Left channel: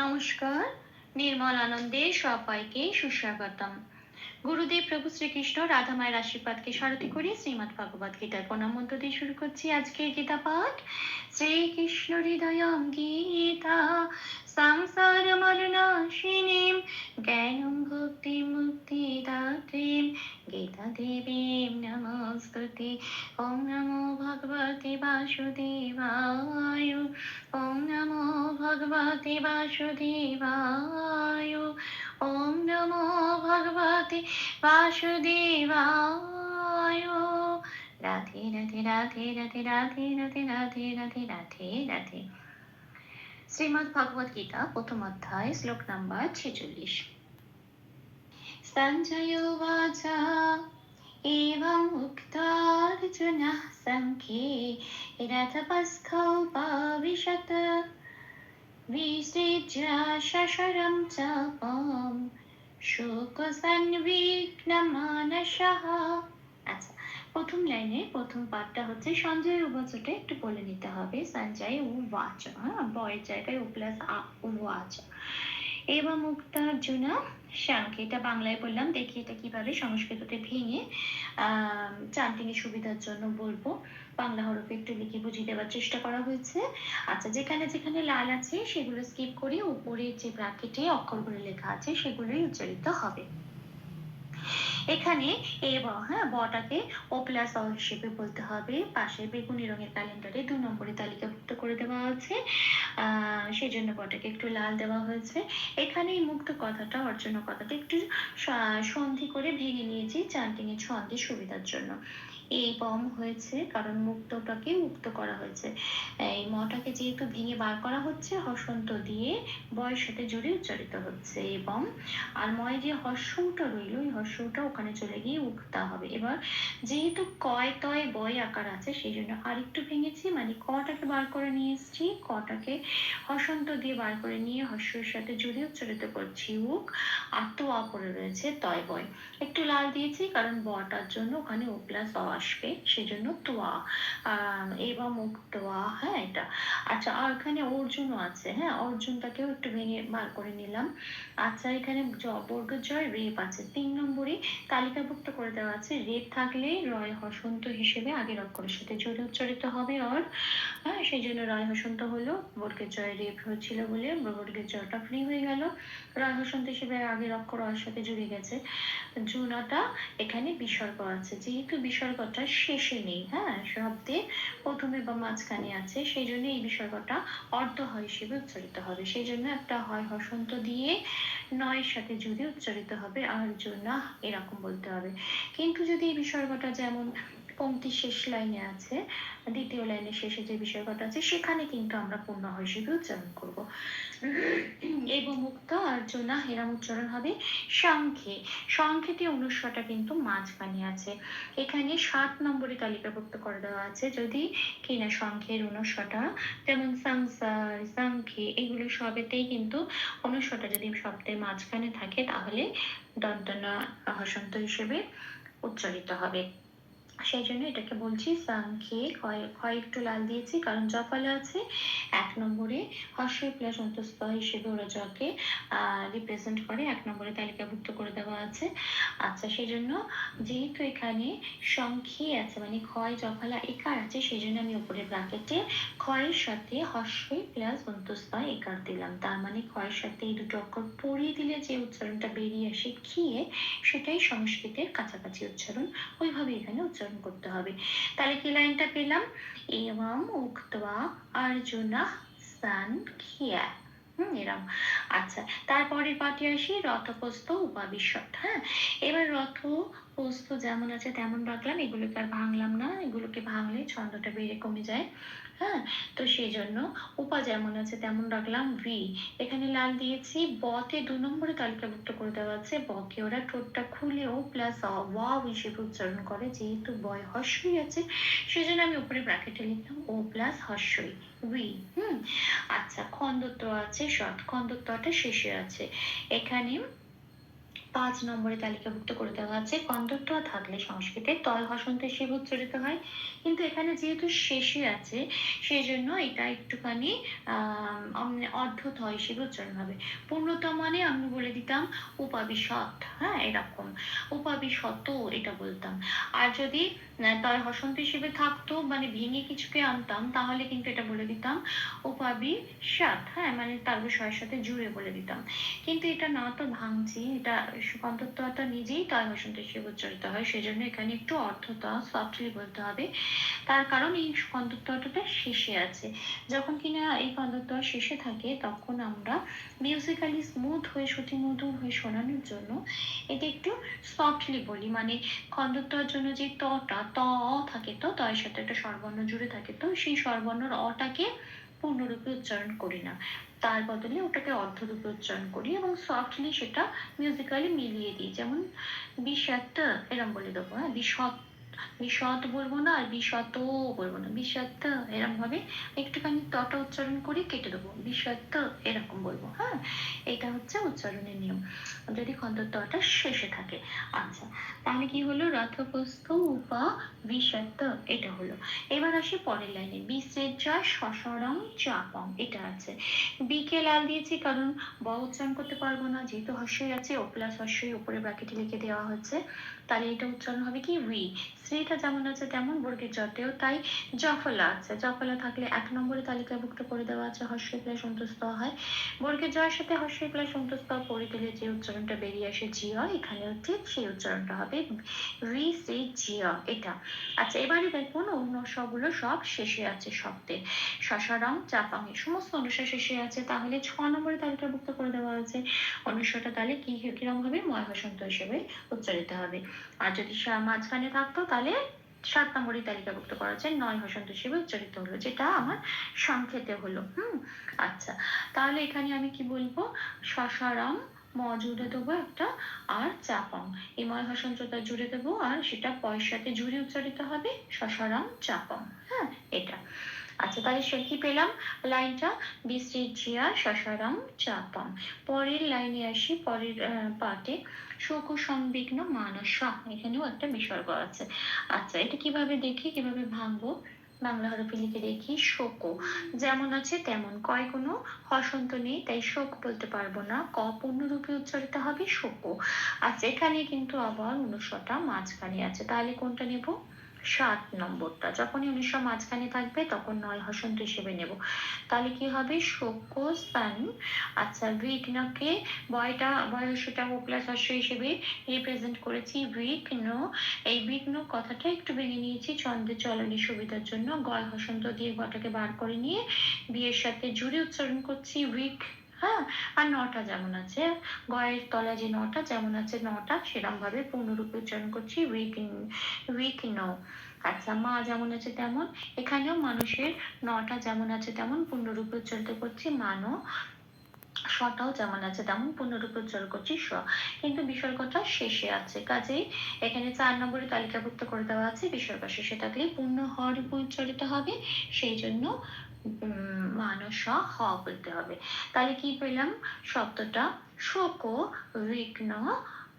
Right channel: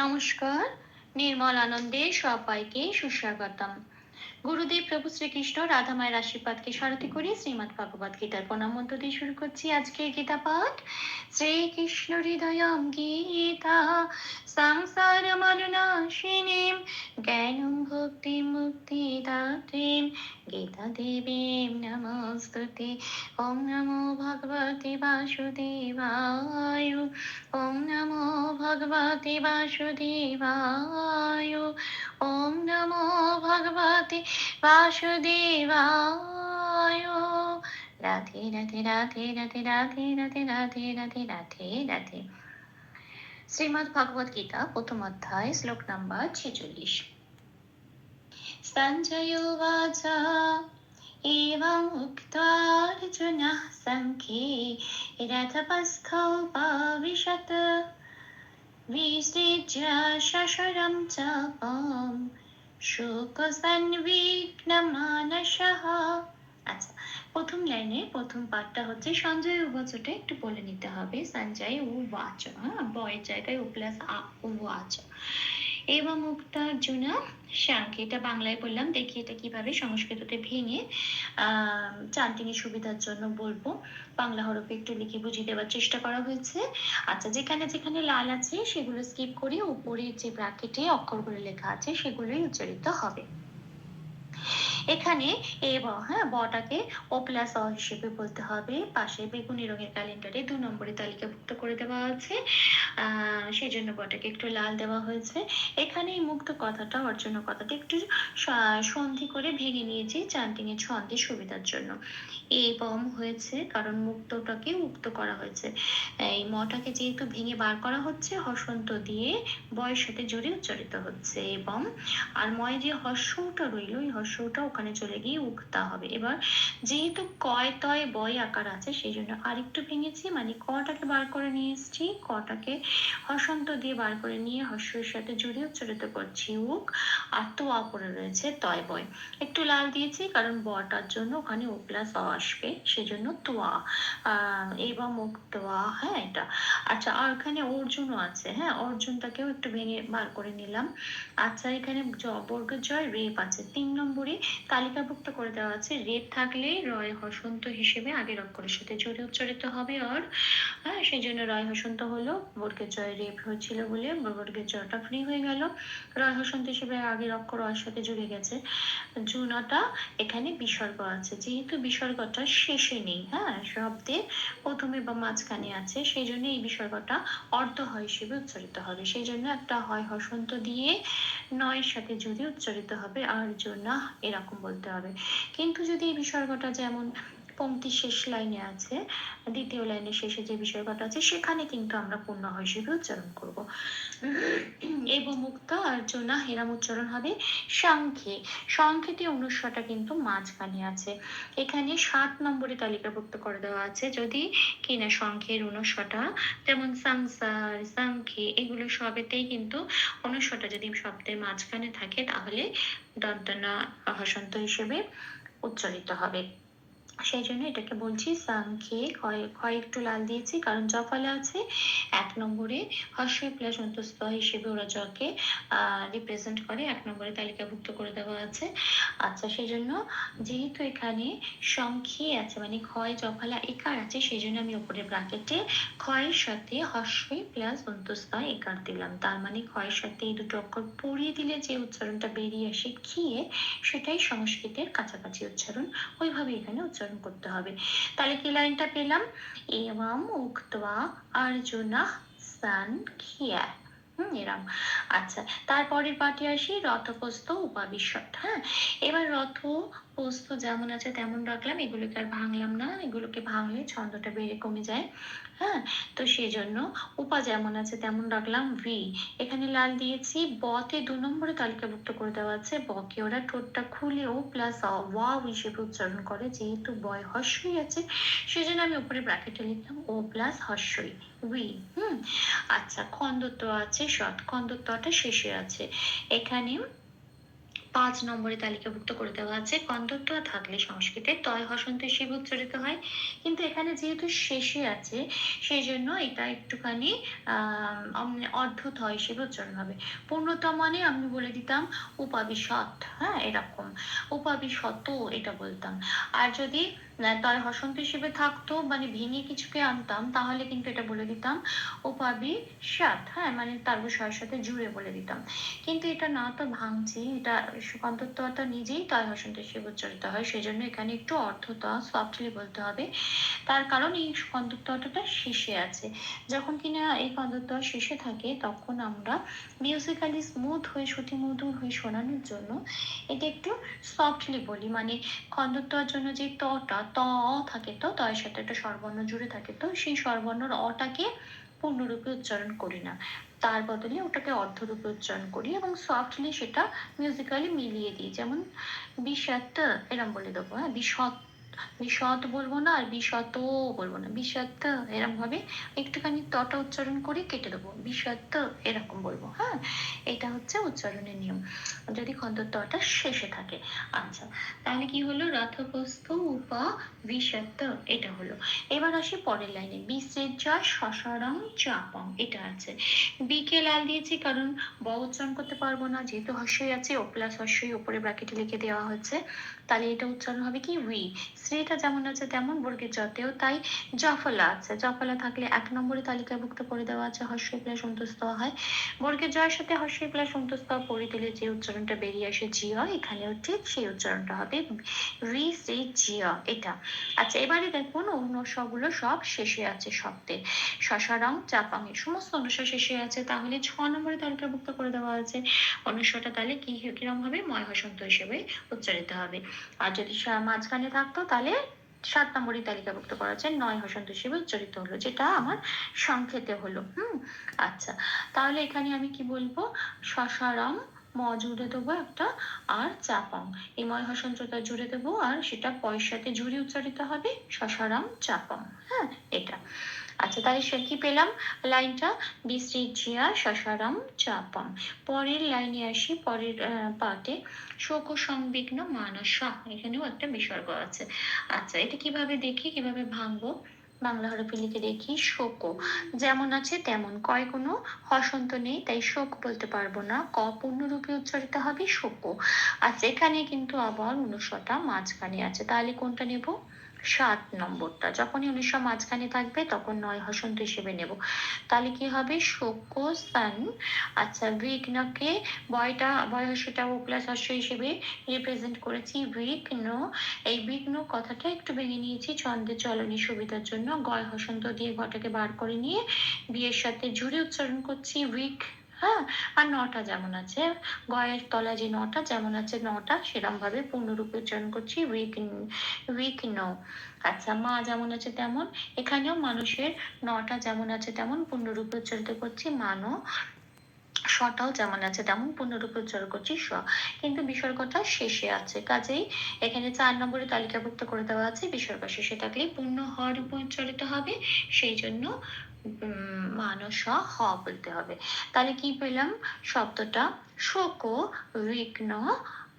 নমস্কার, নির্মল আনন্দে সবাইকে সুস্বাগতম। গুরুদেব প্রভু শ্রীকৃষ্ণ রাধা মায়ের আশীর্বাদকে স্মরতি করে শ্রীমৎ ভগবত গীতার প্রণাম মন্ত্র দিয়ে শুরু করছি আজকের গীতা পাঠ। শ্রীকৃষ্ণ হৃদয়ম গীতা সংসার মরণাশিনীম জ্ঞানম ভক্তি মুক্তি দাত্রীম গীতা দেবীম নমস্তুতে। ওম নমো ভগবতে বাসুদেবায় ভগবতে বাসুদেবায় ওম নমো ভগবতে বাসুদেবায় রাধে রাধে রাধে রাধে রাধে রাধে রাধে রাধে রাধে রাধে শ্রীমদ ভগবত গীতা প্রথম অধ্যায় শ্লোক নাম্বার ছেচল্লিশ সঞ্জয় বাচা एवम् उक्त्वार्जुनः सङ्ख्ये रथपस्थोपविशत् विसृज्य शशरं चापं শোকসন্বিগ্নমানসः আচ্ছা প্রথম লাইনে প্রথম পার্টটা হচ্ছে সঞ্জয় উবাচটা একটু বলে নিতে হবে সঞ্জয় ও বাচ হ্যাঁ বয়ের জায়গায় ও প্লাস আ ও আচ এবং মুক্তার্জুনা শাঙ্ক, এটা বাংলায় বললাম, দেখি এটা কীভাবে সংস্কৃততে ভেঙে, আহ চান্টিনের সুবিধার জন্য বলব। বাংলা হরফে একটু লিখে বুঝিয়ে দেওয়ার চেষ্টা করা হয়েছে। আচ্ছা যেখানে যেখানে লাল আছে, সেগুলো স্কিপ করে উপরে যে ব্র্যাকেটে অক্ষরগুলো লেখা আছে, সেগুলোই উচ্চারিত হবে। এখানে এ ব হ্যাঁ বটাকে ও প্লাস অ হিসেবে বলতে হবে। পাশে বেগুনি রঙের ক্যালেন্ডারে দু নম্বরে তালিকাভুক্ত করে দেওয়া আছে। সেই জন্য বটাকে একটু লাল দেওয়া হয়েছে। এখানে এই মুক্ত কথাটা অর্জন কথাটা একটু সন্ধি করে ভেঙে নিয়েছি চান্টিনের ছন্দের সুবিধার জন্য। এবং হয়েছে কারণ মুক্তটাকে মুক্ত করা হয়েছে। এই মটাকে যেহেতু ভেঙে বার করা হচ্ছে, হসন্ত দিয়ে বয়ের সাথে জুড়ে উচ্চারিত হচ্ছে এবং আর ময় যে হর্ষটা রইল, ওই হর্ষটা ওখানে চলে গিয়ে উক্তা হবে। এবার যেহেতু কয় তয় বয় আকার আছে, সেই জন্য আরেকটু ভেঙেছি। মানে কটাকে বার করে নিয়ে এসেছি, কটাকে হসন্ত দিয়ে বার করে নিয়ে হর্ষের সাথে জুড়ে উচ্চারিত করছি উক আর তো পড়ে রয়েছে তয় বয়। একটু লাল দিয়েছি, কারণ বটার জন্য ওখানে ও প্লাস অ আসবে, সেজন্য তোয়া। এবং মুখ তোয়া হ্যাঁ এটা। আচ্ছা আর এখানে অর্জুনও আছে হ্যাঁ অর্জুনটাকেও একটু ভেঙে বার করে নিলাম। আচ্ছা এখানে বর্গের জয় রেপ আছে, তিন নম্বরে তালিকাভুক্ত করে দেওয়া আছে, রেপ থাকলে রয় হসন্ত হিসেবে আগের অক্ষরের সাথে জোরে উচ্চারিত হবে আর হ্যাঁ সেই জন্য রয় হসন্ত হলো, বর্গের জয় রেপ হয়েছিল বলে বর্গের জয়টা ফ্রি হয়ে গেল। রয় হসন্ত হিসেবে আগের অক্ষর রয়ের সাথে জুড়ে গেছে। জুনাটা এখানে বিসর্গ আছে, যেহেতু বিসর্গটা শেষে নেই হ্যাঁ শব্দে প্রথমে বা মাঝখানে আছে সেই জন্য এই বিসর্গটা অর্ধ হয় হিসেবে উচ্চারিত হবে। সেই জন্য একটা হয় হসন্ত দিয়ে নয়ের সাথে জুড়ে উচ্চারিত হবে আর জন্য এরকম। বলতে হবে। কিন্তু যদি এই বিসর্গটা যেমন পংক্তির শেষ লাইনে আছে, দ্বিতীয় লাইনের শেষে যে বিসর্গটা আছে, সেখানে কিন্তু আমরা পূর্ণ হিসেবে উচ্চারণ করব। এবং মুক্ত আর হেরাম উচ্চারণ হবে সংখ্যে। সংখ্যেটি অনুস্বরটা কিন্তু মাঝখানে আছে। এখানে সাত নম্বরে তালিকাভুক্ত করে দেওয়া আছে যদি কিনা সংখ্যের অনুস্বরটা যেমন সংসার, সংখ্যে, এগুলো সবেতেই কিন্তু অনুস্বরটা যদি শব্দের মাঝখানে থাকে, তাহলে দন্তনা হসন্ত হিসেবে উচ্চারিত হবে। সেই জন্য এটাকে বলছি সংখ্যে ক্ষয় একটু লাল দিয়েছি, কারণ জফলে আছে এক নম্বরে হর্ষই প্লাস অন্তস্থ হিসেবে ওরা জকে রিপ্রেজেন্ট করে, এক নম্বরে তালিকাভুক্ত করে দেওয়া আছে। আচ্ছা সেই জন্য যেহেতু এখানে সংখ্যে আছে মানে ক্ষয় জফলা, একার আছে, সেই জন্য আমি উপরে ব্রাকেটে ক্ষয়ের সাথে হর্ষই প্লাস অন্তস্থ একার দিলাম। তার মানে ক্ষয়ের সাথে এই দুটো অক্ষর পড়িয়ে দিলে যে উচ্চারণটা বেরিয়ে আসে খিয়ে সেটাই সংস্কৃতের কাছাকাছি উচ্চারণ। ওইভাবে এখানে উচ্চারণ করতে হবে। তাহলে কি লাইনটা পেলাম? এবং উক্তা আর্জুনা সান খিয়া। এরম। আচ্ছা তারপরের পাঠে আসি রথপ্রস্থ উপাবিশদ হ্যাঁ? এবার রথ প্রস্থ যেমন আছে তেমন রাখলাম। এগুলোকে আর ভাঙলাম না। এগুলোকে ভাঙলে ছন্দটা বেড়ে কমে যায়। হ্যাঁ? তো সেই জন্য উপা যেমন আছে তেমন রাখলাম। ভি এখানে লাল দিয়েছি। বতে দু নম্বরে তালিকাভুক্ত করে দেওয়া আছে। বকে ওরা ঠোঁটটা খুলে ও প্লাস ওয়াও হিসেবে উচ্চারণ করে। যেহেতু বয় হর্ষই আছে সেই জন্য আমি উপরে ব্র্যাকেটে লিখলাম ও প্লাস হর্ষই উই হুম? আচ্ছা খন্দত্ব আছে শট খন্দত্বটা শেষে আছে। এখানে পাঁচ নম্বরে তালিকাভুক্ত করে দেওয়া আছে। কন্দত্ব থাকলে সংস্কৃতে তয় হসন্ত শিব উচ্চারিত হয়। কিন্তু এখানে যেহেতু শেষে আছে সেই জন্য এটা একটুখানি হয় শিব উচ্চারণ হবে। পূর্ণতা মানে আমি বলে দিতাম, উপাবিশত হ্যাঁ এরকম। উপাবিশত এটা বলতাম। আর যদি তয় হসন্ত হিসেবে থাকতো মানে ভেঙে কিছুকে আনতাম, তাহলে কিন্তু এটা বলে দিতাম। উপাবি সাত হ্যাঁ মানে তার বিষয়ের সাথে জুড়ে বলে দিতাম। কিন্তু এটা না তো ভাঙছি, এটা সুকান্তত্বটা নিজেই তয় হসন্ত হিসেবে উচ্চারিত হয়, সেজন্য এখানে একটু অর্থতা সফটলি বলতে হবে। তার কারণ এই কন্দত্বটা শেষে আছে। যখন কিনা এই কন্দত্ব শেষে থাকে, তখন আমরা মিউজিক্যালি স্মুথ হয়ে মধুর হয়ে শোনানোর জন্য এটা একটু সফটলি বলি। মানে খন্দত্বর জন্য যে তটা ত, থাকে তো তয়ের সাথে একটা স্বরবর্ণ জুড়ে থাকে তো, সেই স্বরবর্ণর অটাকে পূর্ণরূপে উচ্চারণ করি না। তার বদলে ওটাকে অর্ধরূপে উচ্চারণ করি এবং সফটলি সেটা মিউজিক্যালি মিলিয়ে দিই। যেমন বিষাত্ত এরম বলে দেবো হ্যাঁ? বিষত বিশদ বলব না আর বিশত বলব না। বিষাত্ত এরকম ভাবে একটুখানি তটা উচ্চারণ করে কেটে দেবো। বিষাত্ত এরকম বলব হ্যাঁ? এটা হচ্ছে উচ্চারণের নিয়ম। যদি খন্দত্বটা শেষে থাকে। আচ্ছা তাহলে কি হলো? রথপ্রস্থ উপা বিষাত্ত এটা হলো। এবার আসি পরের লাইনে। বিসেজা শশারং চাপং, এটা আছে। বিকে লাল দিয়েছি কারণ ব উচ্চারণ করতে পারব না, যেহেতু হর্ষই আছে, ও প্লাস হর্ষই উপরে ব্র্যাকেটে লিখে দেওয়া হচ্ছে তাহলে এটা উচ্চারণ হবে কি? উই। শ্রীটা যেমন আছে তেমন বর্গের জতেও তাই জফলা আছে। জফলা থাকলে এক নম্বরে তালিকাভুক্ত করে দেওয়া আছে হর্ষ প্লাস সন্তুষ্ট হয়। বর্গের জয়ের সাথে হর্ষ প্লাস সন্তুষ্ট পড়ে দিলে যে উচ্চারণটা বেরিয়ে আসে জিয়া, এখানেও ঠিক সেই উচ্চারণটা হবে উই শ্রী, জিয়া এটা। আচ্ছা এবারে দেখুন অনুসগুলো সব শেষে আছে শব্দে শশারাম চাপাং সমস্ত অনুসার শেষে আছে। তাহলে ছ নম্বরে তালিকাভুক্ত করে দেওয়া আছে। অনুসারটা তাহলে কি, কিরম হবে? ময় হসন্ত হিসেবে উচ্চারিত হবে। আর যদি মাঝখানে থাকতো, তাহলে সাত নম্বরে তালিকাভুক্ত করা যায়। নয় বসন্ত হিসেবে উচ্চারিত হলো, যেটা আমার সংক্ষেপে হলো। হুম আচ্ছা। তাহলে এখানে আমি কি বলব? শশারাম ম জুড়ে দেবো একটা, আর চাপং এই ময় হসন্তটা জুড়ে দেবো, আর সেটা পয়সাতে জুড়ে উচ্চারিত হবে, শশারাম চাপং হ্যাঁ এটা। আচ্ছা তাহলে সে কি পেলাম। লাইনটা বিশ্রিজিয়া শশারাম চাপং পরের লাইনে আসি, পরের পার্টে শোক সংবিঘ্ন মানসা, এখানেও একটা বিসর্গ আছে। আচ্ছা এটা কীভাবে দেখি, কীভাবে ভাঙবো? বাংলা হরফে লিখে দেখি, শোক যেমন আছে তেমন, কয় কোনো? হসন্ত নেই, তাই শোক বলতে পারব না। ক পূর্ণরূপে উচ্চারিত হবে শোক আচ্ছা এখানে কিন্তু আবার অনুস্বরটা মাঝখানে আছে। তাহলে কোনটা নেব? সাত নম্বরটা। যখনই উনিশশো মাঝখানে থাকবে, তখন নয় হসন্ত হিসেবে নেব। তাহলে কি হবে? শোকস্থান আচ্ছা বিঘ্নকে বয়টা বয়সটা ও প্লাস হর্ষ হিসেবে রিপ্রেজেন্ট করেছি। বিঘ্ন এই বিঘ্ন কথাটা একটু ভেঙে নিয়েছি। ছন্দের চলনের সুবিধার জন্য গয় হসন্ত দিয়ে ঘটাকে বার করে নিয়ে বিয়ের সাথে জুড়ে উচ্চারণ করছি। উইক হ্যাঁ আর নটা যেমন আছে, গয়ের তলা যে নটা যেমন আছে নটা সেরকম ভাবে পূর্ণরূপে উচ্চারণ করছি উইক উইক নো আচ্ছা মা যেমন আছে তেমন, এখানেও মানুষের নটা যেমন আছে তেমন পূর্ণরূপে উচ্চারিত করছি মানো স্বটাও যেমন আছে তেমন পূর্ণরূপে উচ্চারণ করছি, স। কিন্তু বিসর্গটা শেষে আছে, কাজেই এখানে চার নম্বরে তালিকাভুক্ত করে দেওয়া আছে, বিসর্গ শেষে থাকলে পূর্ণ হওয়ার উপর উচ্চারিত হবে, সেই জন্য মানস হ বলতে হবে তাহলে কি পেলাম শব্দটা শোক বিঘ্ন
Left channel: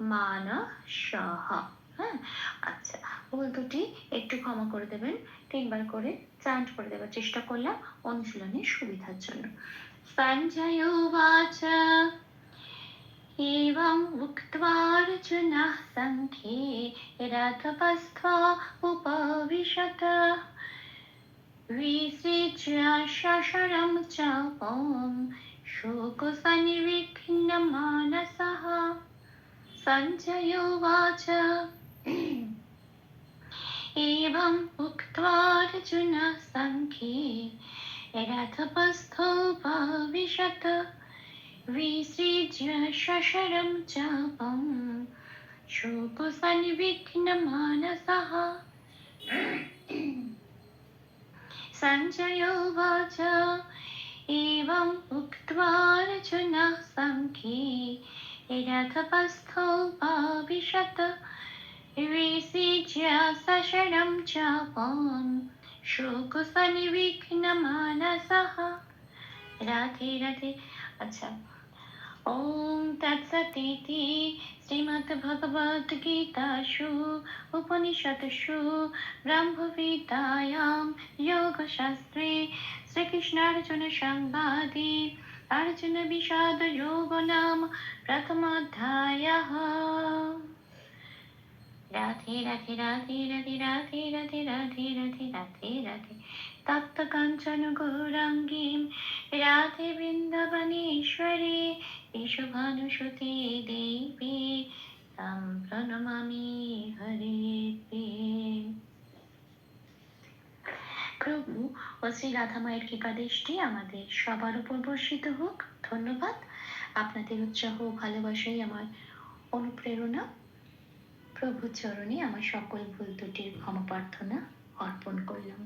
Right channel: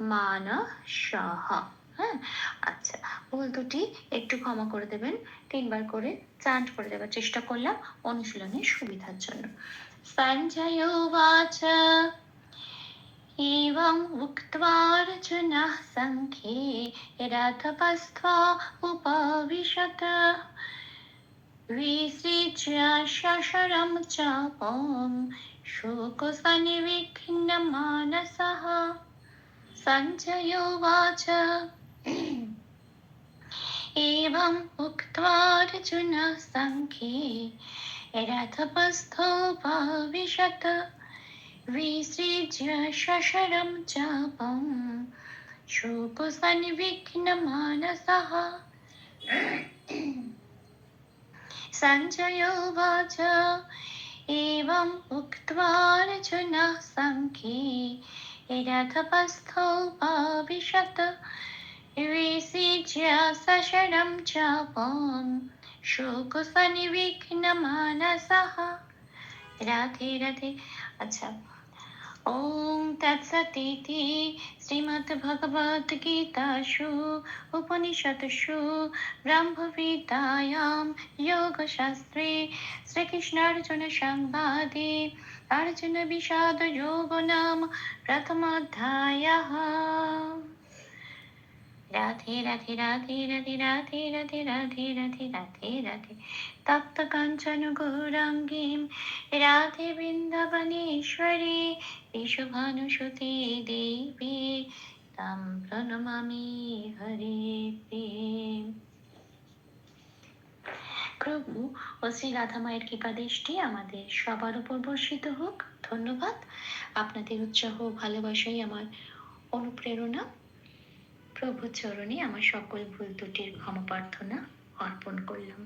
মান সহ হ্যাঁ আচ্ছা ভুল দুটি একটু ক্ষমা করে দেবেন তিনবার করে চান্ট করে দেওয়ার চেষ্টা করলাম অনুশীলনের সুবিধার জন্য সঞ্জয় উবাচ एवम् उक्त्वा अर्जुनः सङ्ख्ये रथपस्त्वा उपविशत् विसृज्य शशरं चापं शोकसनिविघ्नमानसः सञ्जयोवाच एवम् उक्त्वार्जुनः सङ्ख्ये रथपस्थोपविशत् विसृज्य शशरं चापं शोकसनिविघ्नमानसः सञ्जय उवाच एवम् उक्त्वार्जुनः सङ्ख्ये रथपस्थोपविशत् विसिज्य सशरं चापं शोकसनिविघ्नमानसः রাধে রাধে আচ্ছা ॐ तत्सतीति श्रीमद्भगवद्गीतासु उपनिषत्सु ब्रह्मविद्यायां योगशास्त्रे श्रीकृष्णार्जुनसंवादे अर्जुनविषादयोगो नाम प्रथमाध्यायः राधे राधे राधे राधे राधे राधे राधे राधे राधे राधे তপ্ত কাঞ্চন গৌরাঙ্গীম রাধে বৃন্দাবনেশ্বরী, বিশ্বভানুসুতে দেবী, তাম প্রণমামি হরে প্রভু ও শ্রী রাধা মায়ের কৃপা দৃষ্টি আমাদের সবার উপর বর্ষিত হোক। ধন্যবাদ। আপনাদের উৎসাহ ভালোবাসাই আমার অনুপ্রেরণা। প্রভু চরণে আমার সকল ভুল ত্রুটির ক্ষমা প্রার্থনা অর্পণ করলাম।